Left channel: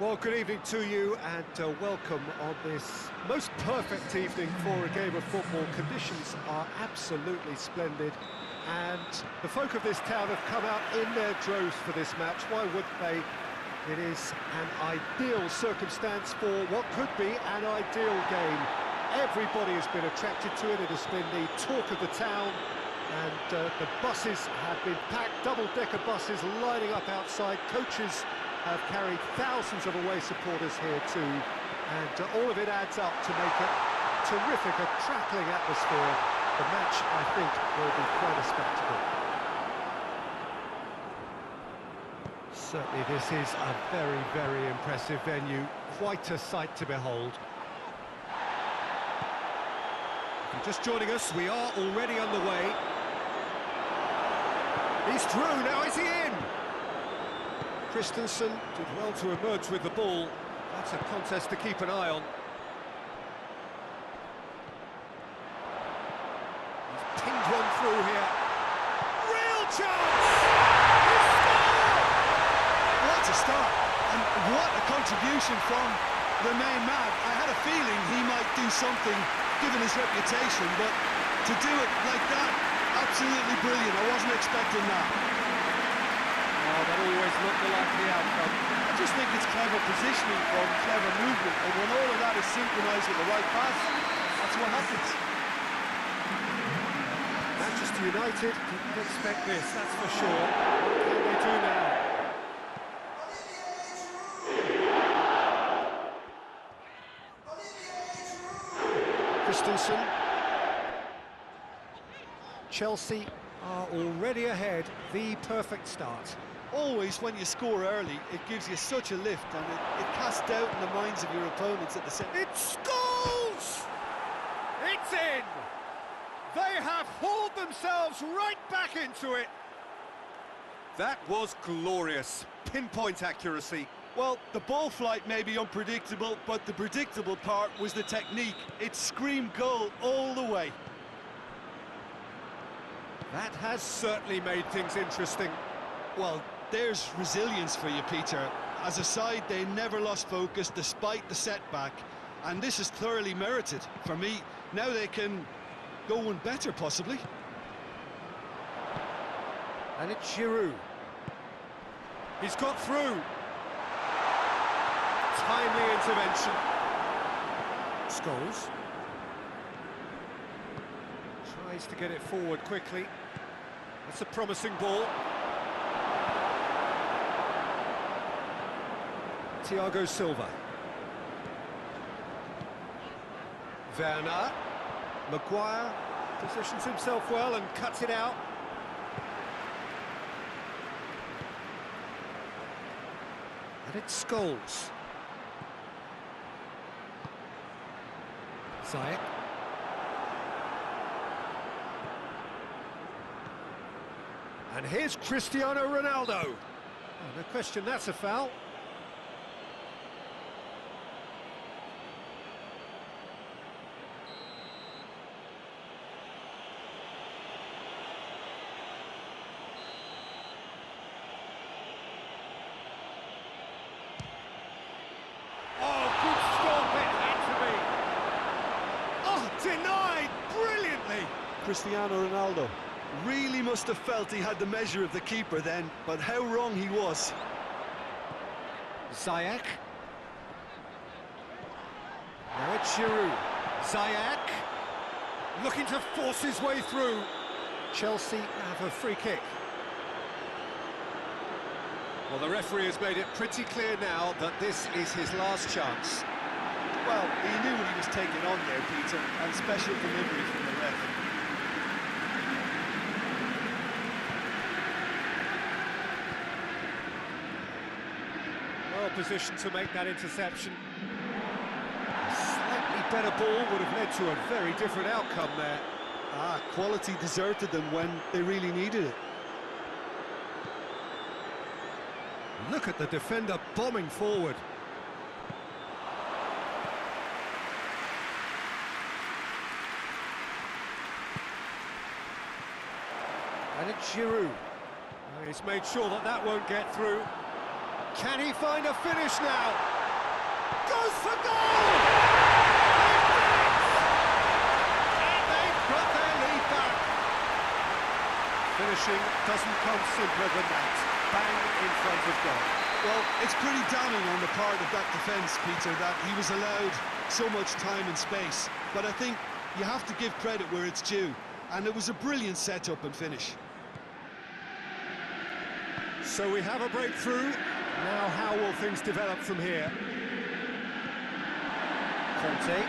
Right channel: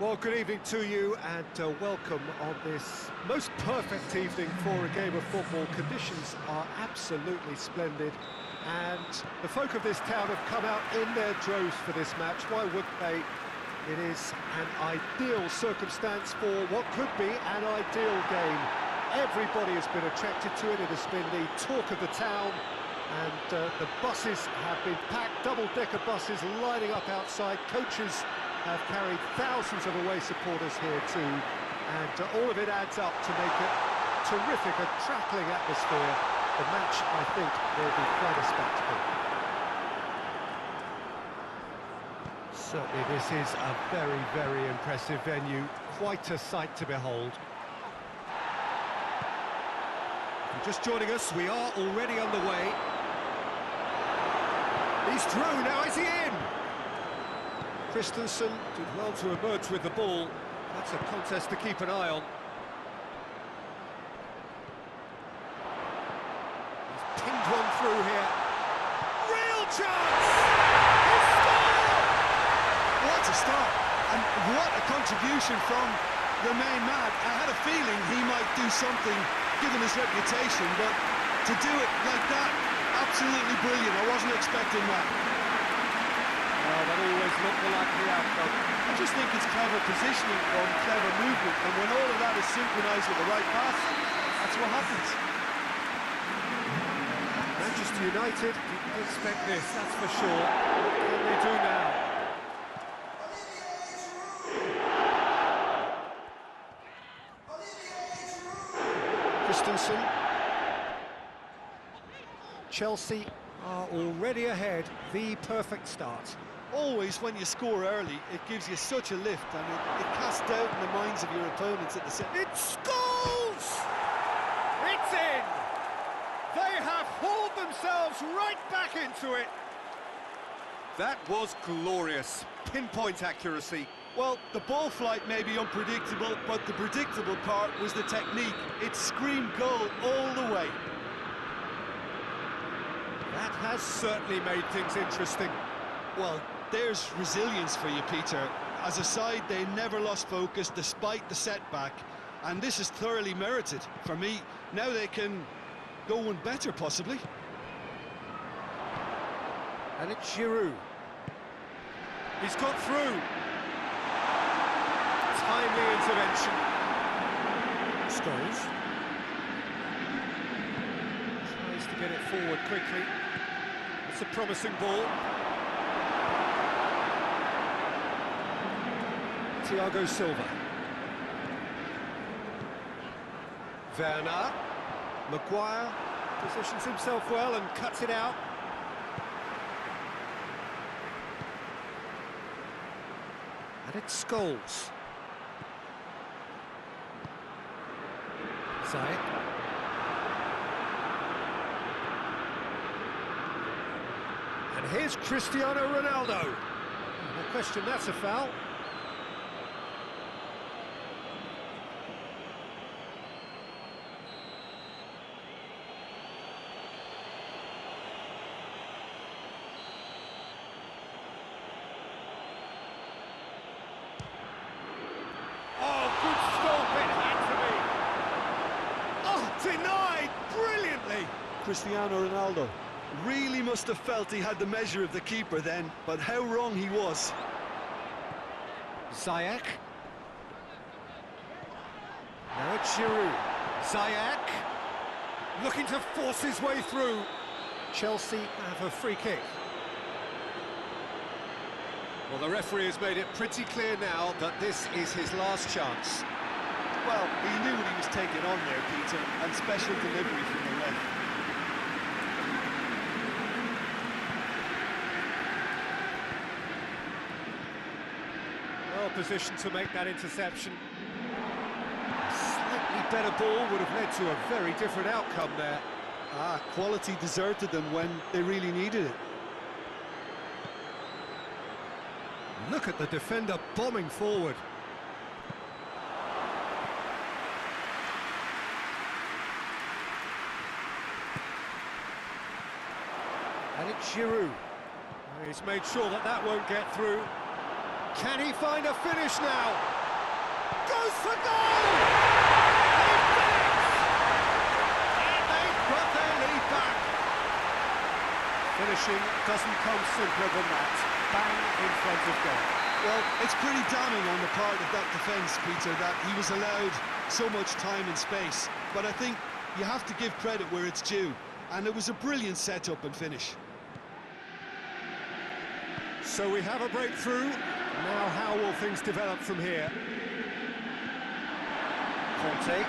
Well, good evening to you and welcome on this most perfect evening for a game of football. Conditions are absolutely splendid and the folk of this town have come out in their droves for this match. Why wouldn't they? It is an ideal circumstance for what could be an ideal game. Everybody has been attracted to it. It has been the talk of the town and the buses have been packed, double-decker buses lining up outside. Coaches have carried thousands of away supporters here too, and all of it adds up to make it terrific, a crackling atmosphere. The match, I think, will be quite a spectacle. Certainly this is a very, very impressive venue, quite a sight to behold. If you're just joining us, we are already underway. He's through, now is he in? Christensen did well to emerge with the ball. That's a contest to keep an eye on. He's pinged one through here. Real chance! He scored! What a start, and what a contribution from the main man. I had a feeling he might do something, given his reputation, but to do it like that, absolutely brilliant. I wasn't expecting that. Oh, that always looked the likely outcome. I just think it's clever positioning from clever movement, and when all of that is synchronised with the right pass, that's what happens. Manchester United didn't expect this, that's for sure. What can they do now? Christensen. Chelsea are already ahead, the perfect start. Always, when you score early, it gives you such a lift, and it casts doubt in the minds of your opponents at the same. It scores! It's in! They have hauled themselves right back into it. That was glorious. Pinpoint accuracy. Well, the ball flight may be unpredictable, but the predictable part was the technique. It screamed goal all the way. That has certainly made things interesting. Well, there's resilience for you, Peter. As a side, they never lost focus despite the setback, and this is thoroughly merited. For me, now they can go one better, possibly. And it's Giroud. He's got through. Timely intervention. Scholes. Tries to get it forward quickly. That's a promising ball. Thiago Silva. Werner. Maguire positions himself well and cuts it out. And it's Scholes. Ziyech. And here's Cristiano Ronaldo. No question, that's a foul. Denied brilliantly. Cristiano Ronaldo really must have felt he had the measure of the keeper then, but how wrong he was. Ziyech. Now it's Giroud. Ziyech looking to force his way through. Chelsea have a free kick. Well, the referee has made it pretty clear now that this is his last chance. Well, he knew what he was taking on there, Peter, and special delivery from the ref. Well positioned to make that interception. A slightly better ball would have led to a very different outcome there. Quality deserted them when they really needed it. Look at the defender bombing forward. And it's Giroud. He's made sure that that won't get through. Can he find a finish now? Goes for goal! They've done it! And they've got their lead back. Finishing doesn't come simpler than that. Bang in front of goal. Well, it's pretty damning on the part of that defence, Peter, that he was allowed so much time and space. But I think you have to give credit where it's due. And it was a brilliant setup and finish. So we have a breakthrough. Now how will things develop from here? Conte.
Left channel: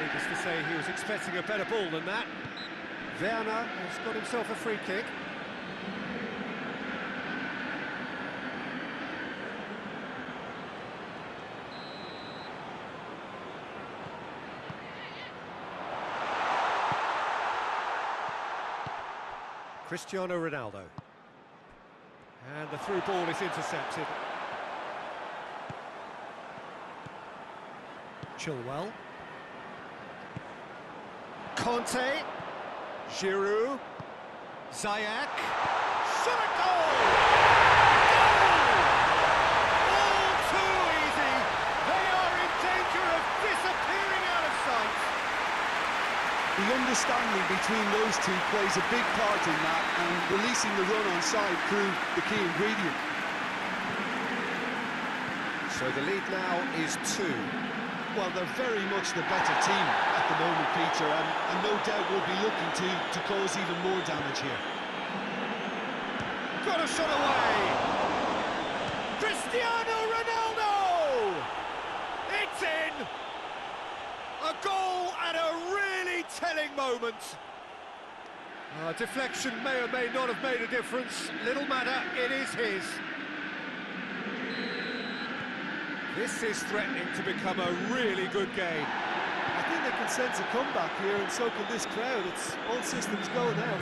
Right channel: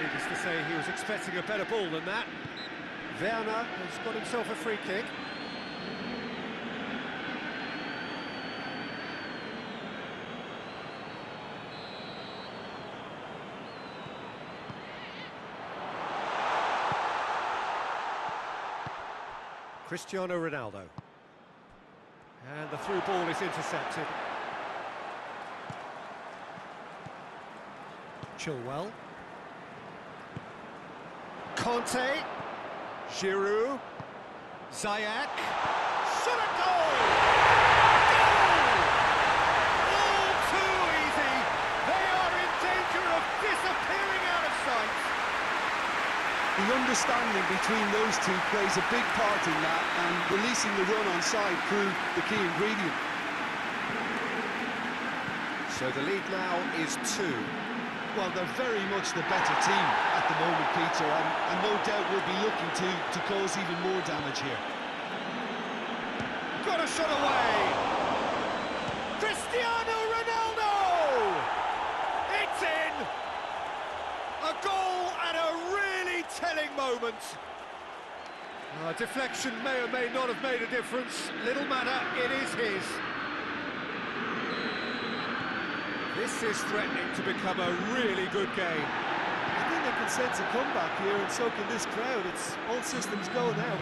Needless to say, he was expecting a better ball than that. Werner has got himself a free kick. Cristiano Ronaldo. And the through ball is intercepted. Chilwell. Conte. Giroud. Ziyech. Shot a goal! Goal! All too easy. They are in danger of disappearing out of sight. The understanding between those two plays a big part in that, and releasing the run on side proved the key ingredient. So the lead now is 2. Well, they're very much the better team at the moment, Peter, and no doubt will be looking to cause even more damage here. Got a shot away! Cristiano Ronaldo! It's in! A goal at a really telling moment. Deflection may or may not have made a difference. Little matter, it is his. This is threatening to become a really good game. I think they can sense a comeback here, and so can this crowd. It's all systems go now.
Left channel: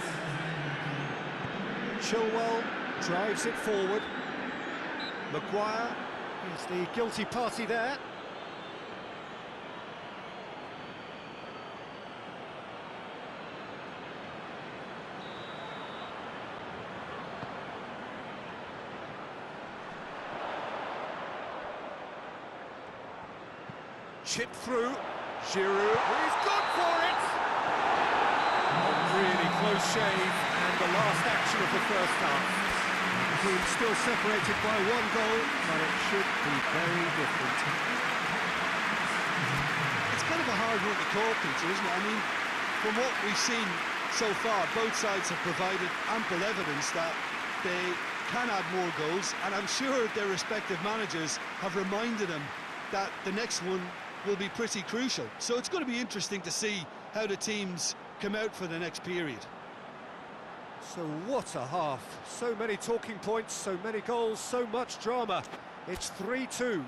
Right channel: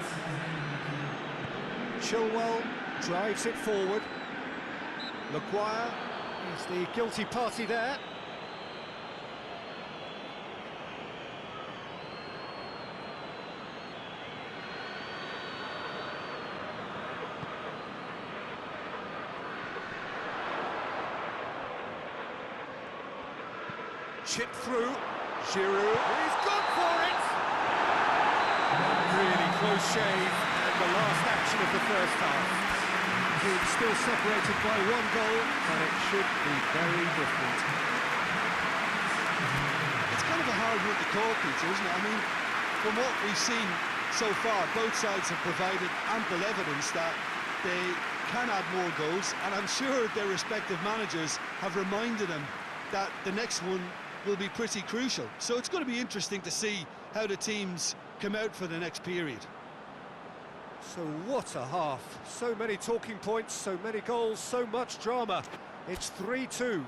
Chilwell drives it forward. Maguire is the guilty party there. Chip through, Giroud, he's gone for it! A really close shave, and the last action of the first half. The team still separated by 1 goal, but it should be very different. It's kind of a hard one to call, Peter, isn't it? I mean, from what we've seen so far, both sides have provided ample evidence that they can add more goals, and I'm sure their respective managers have reminded them that the next one will be pretty crucial. So it's going to be interesting to see how the teams come out for the next period. So what a half. So many talking points, so many goals, so much drama. It's 3-2.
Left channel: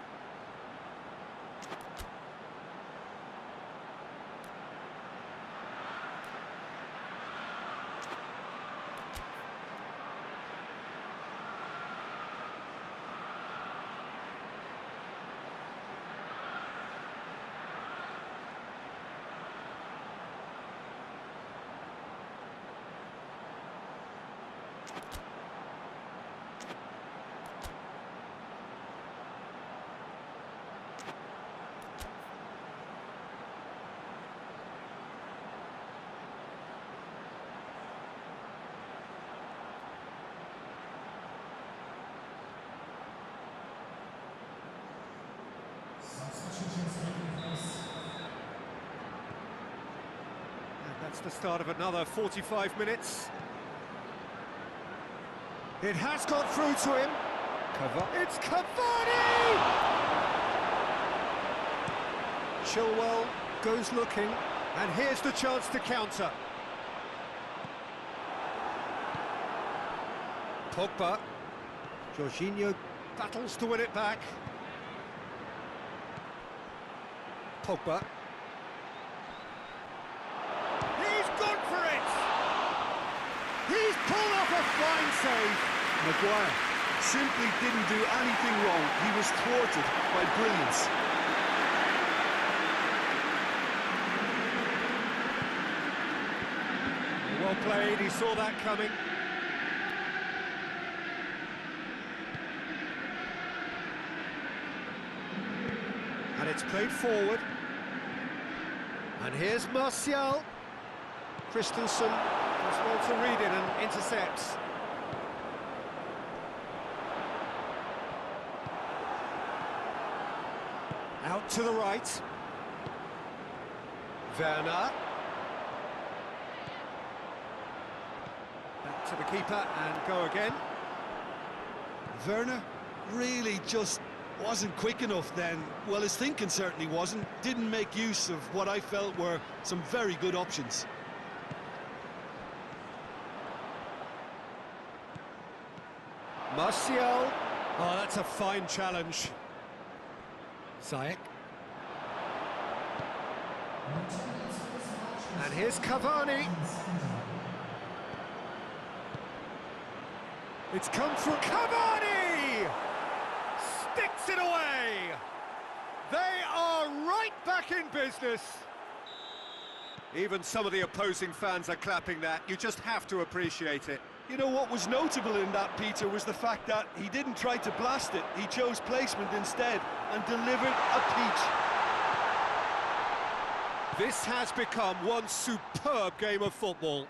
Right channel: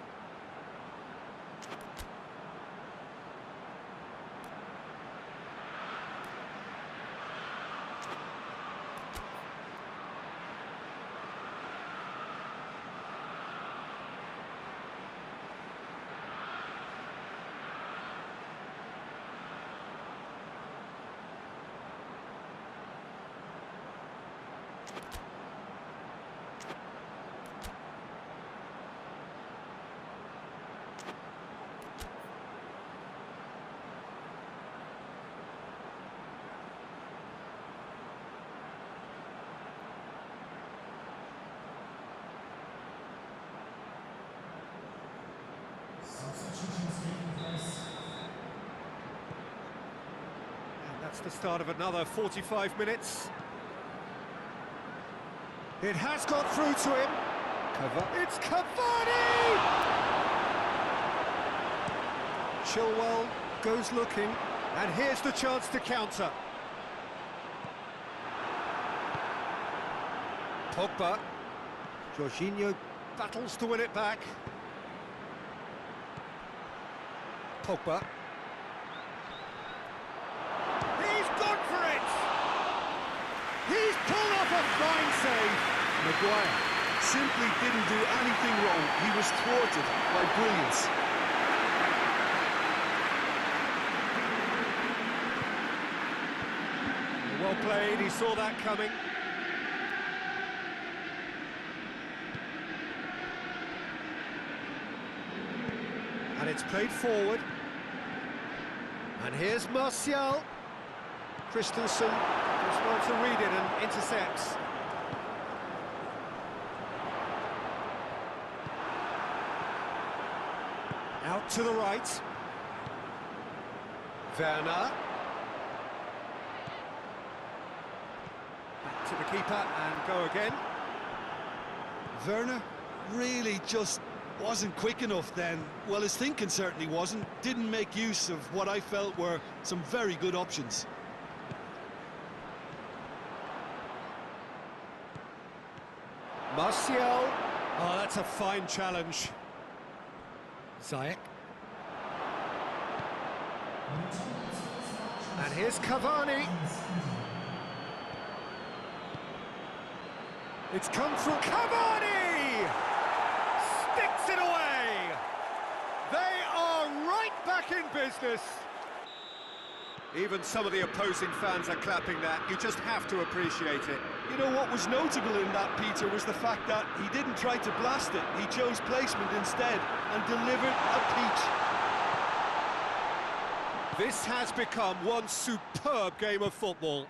That's the start of another 45 minutes. It has got through to him. It's Cavani! Chilwell goes looking, and here's the chance to counter. Pogba. Jorginho battles to win it back. Pogba. He's gone for it! He's pulled off a fine save. Maguire simply didn't do anything wrong. He was thwarted by brilliance. Well played, he saw that coming. And it's played forward. And here's Martial. Christensen does well to read it and intercepts. Out to the right. Werner. Back to the keeper and go again. Werner really just wasn't quick enough then. Well, his thinking certainly wasn't. Didn't make use of what I felt were some very good options. Martial. Oh, that's a fine challenge. Ziyech. And here's Cavani. It's come through. Cavani! Sticks it away! They are right back in business. Even some of the opposing fans are clapping that. You just have to appreciate it. You know what was notable in that, Peter, was the fact that he didn't try to blast it. He chose placement instead and delivered a peach. This has become one superb game of football.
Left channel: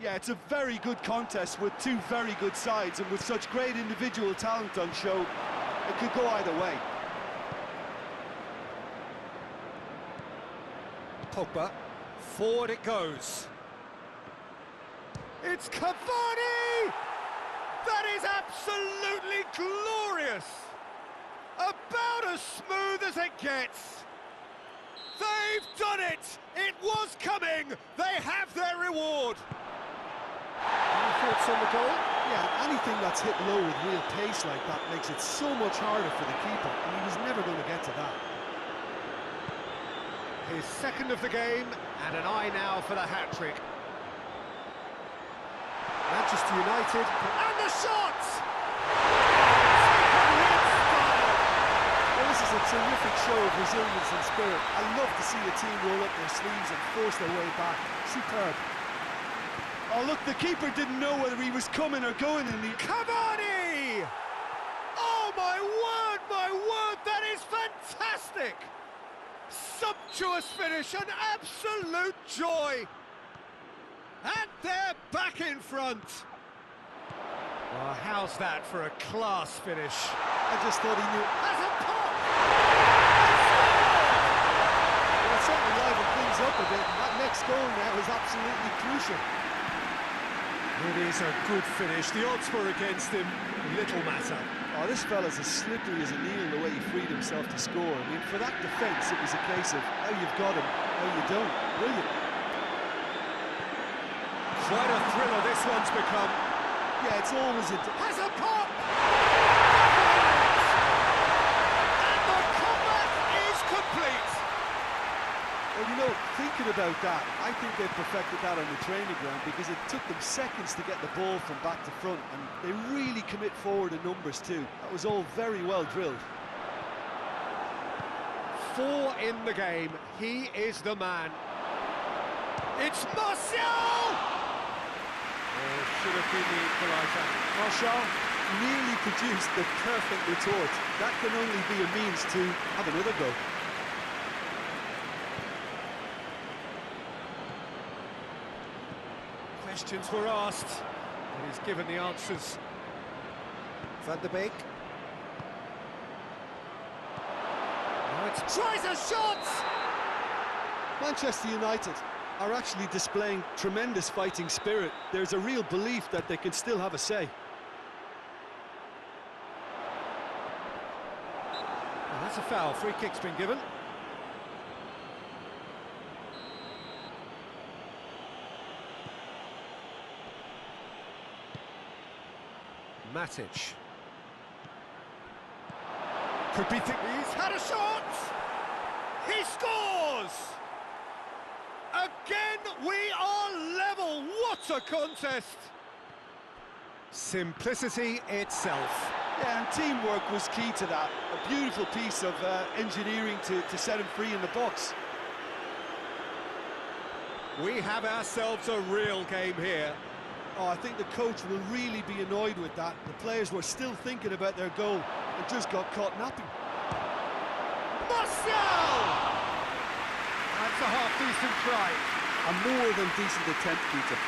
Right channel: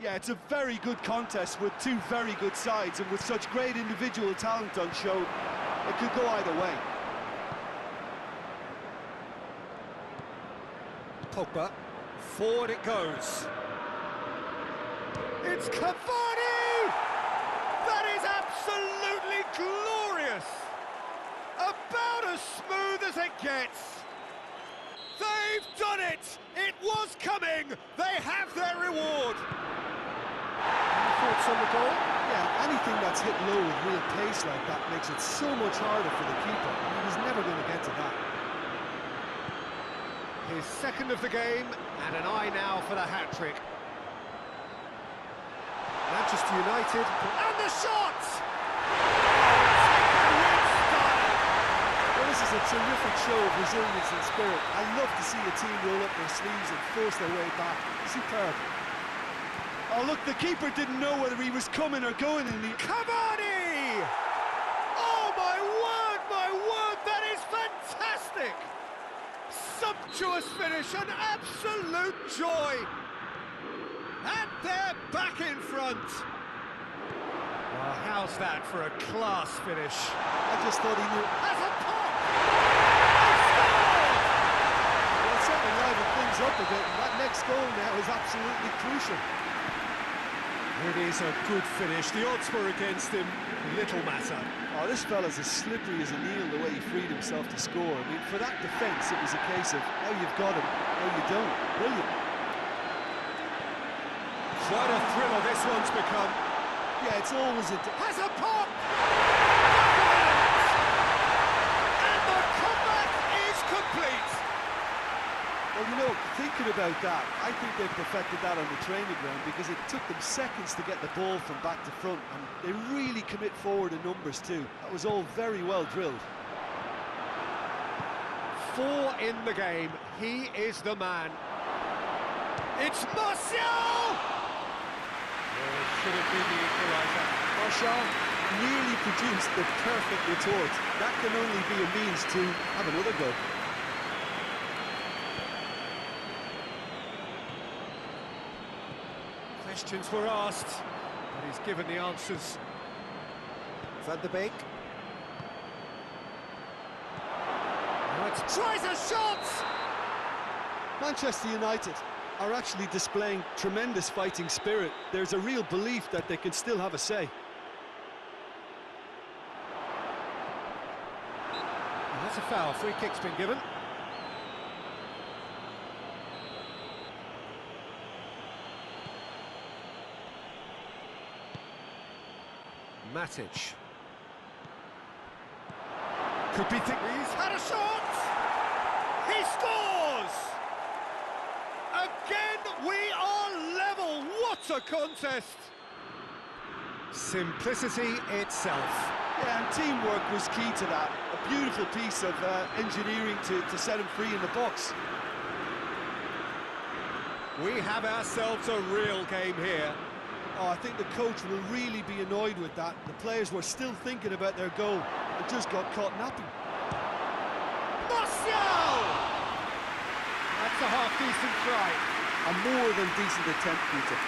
Yeah, it's a very good contest with two very good sides, and with such great individual talent on show, it could go either way. Pogba, forward it goes. It's Cavani! That is absolutely glorious! About as smooth as it gets. They've done it! It was coming! They have their reward! Any thoughts on the goal? Yeah, anything that's hit low with real pace like that makes it so much harder for the keeper, and he was never going to get to that. His second of the game, and an eye now for the hat-trick. Manchester United, and the shot! Taken with style! Well, this is a terrific show of resilience and spirit. I love to see a team roll up their sleeves and force their way back. Superb. Oh, look, the keeper didn't know whether he was coming or going in the... Cavani! Oh, my word, that is fantastic! Sumptuous finish, an absolute joy! And they're back in front! Well, how's that for a class finish? I just thought he knew... Has a pop! Well, it certainly livened things up a bit, and that next goal now is absolutely crucial. It is a good finish. The odds were against him. Little matter. Oh, this fella's as slippery as an eel the way he freed himself to score. I mean, for that defence, it was a case of now you've got him, now you don't. Brilliant. Quite a thriller this one's become. Yeah, it's always a... Has a pop! And the comeback is complete! Well, you know, thinking about that, I think they perfected that on the training ground because it took them seconds to get the ball from back to front, and they really commit forward in numbers too. That was all very well drilled. 4 in the game. He is the man. It's Martial! Oh, it should have been the equaliser. Martial nearly produced the perfect retort. That can only be a means to have another go. Questions were asked, but he's given the answers. Van der Beek. Now it's tries a shot! Manchester United are actually displaying tremendous fighting spirit. There's a real belief that they can still have a say. Well, that's a foul. Free kick's been given. Matic. Could be he's had a shot! He scores! Again, we are level. What a contest! Simplicity itself. Yeah, and teamwork was key to that. A beautiful piece of engineering to set him free in the box. We have ourselves a real game here. Oh, I think the coach will really be annoyed with that. The players were still thinking about their goal and just got caught napping. Martial! That's a half-decent try. A more than decent attempt, Peter.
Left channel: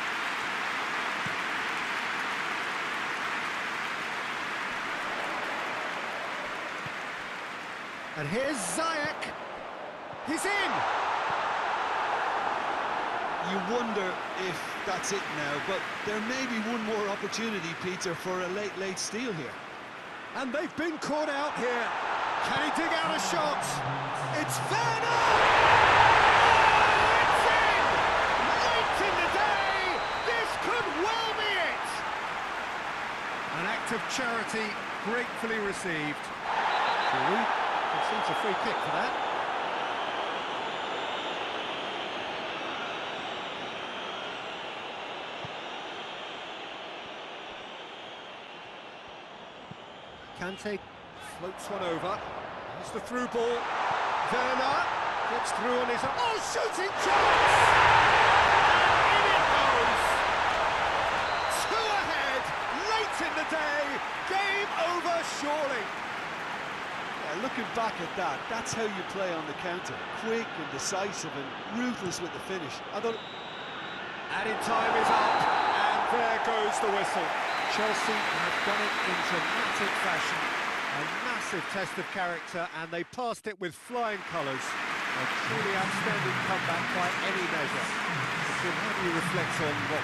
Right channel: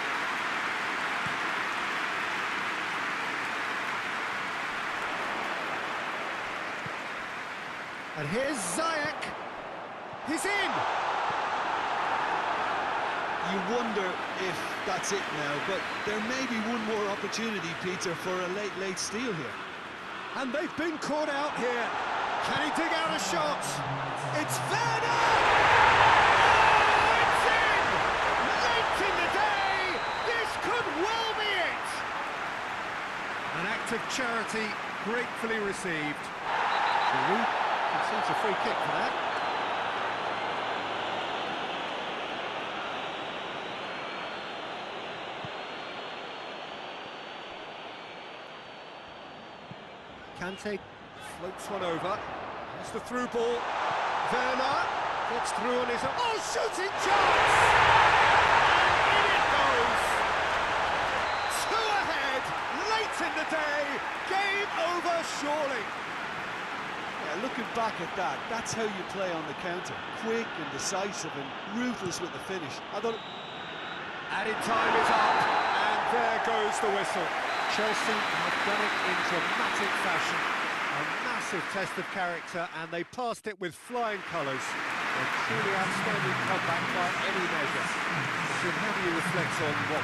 And here's Ziyech. He's in! You wonder if that's it now, but there may be one more opportunity, Peter, for a late steal here. And they've been caught out here. Can he dig out a shot? It's Werner! Oh, it's in! Late in the day! This could well be it! An act of charity gratefully received. Giroud conceives a free kick for that. Kante floats one over. There's the through ball. Werner gets through on his own. Oh, shooting chance! And in it goes! Two ahead, late in the day. Game over, surely. Yeah, looking back at that, that's how you play on the counter. Quick and decisive and ruthless with the finish. I thought... Added time is up, and there goes the whistle. Chelsea have done it in dramatic fashion. A massive test of character, and they passed it with flying colours. A truly outstanding comeback by any measure. Jim, how do you reflect on what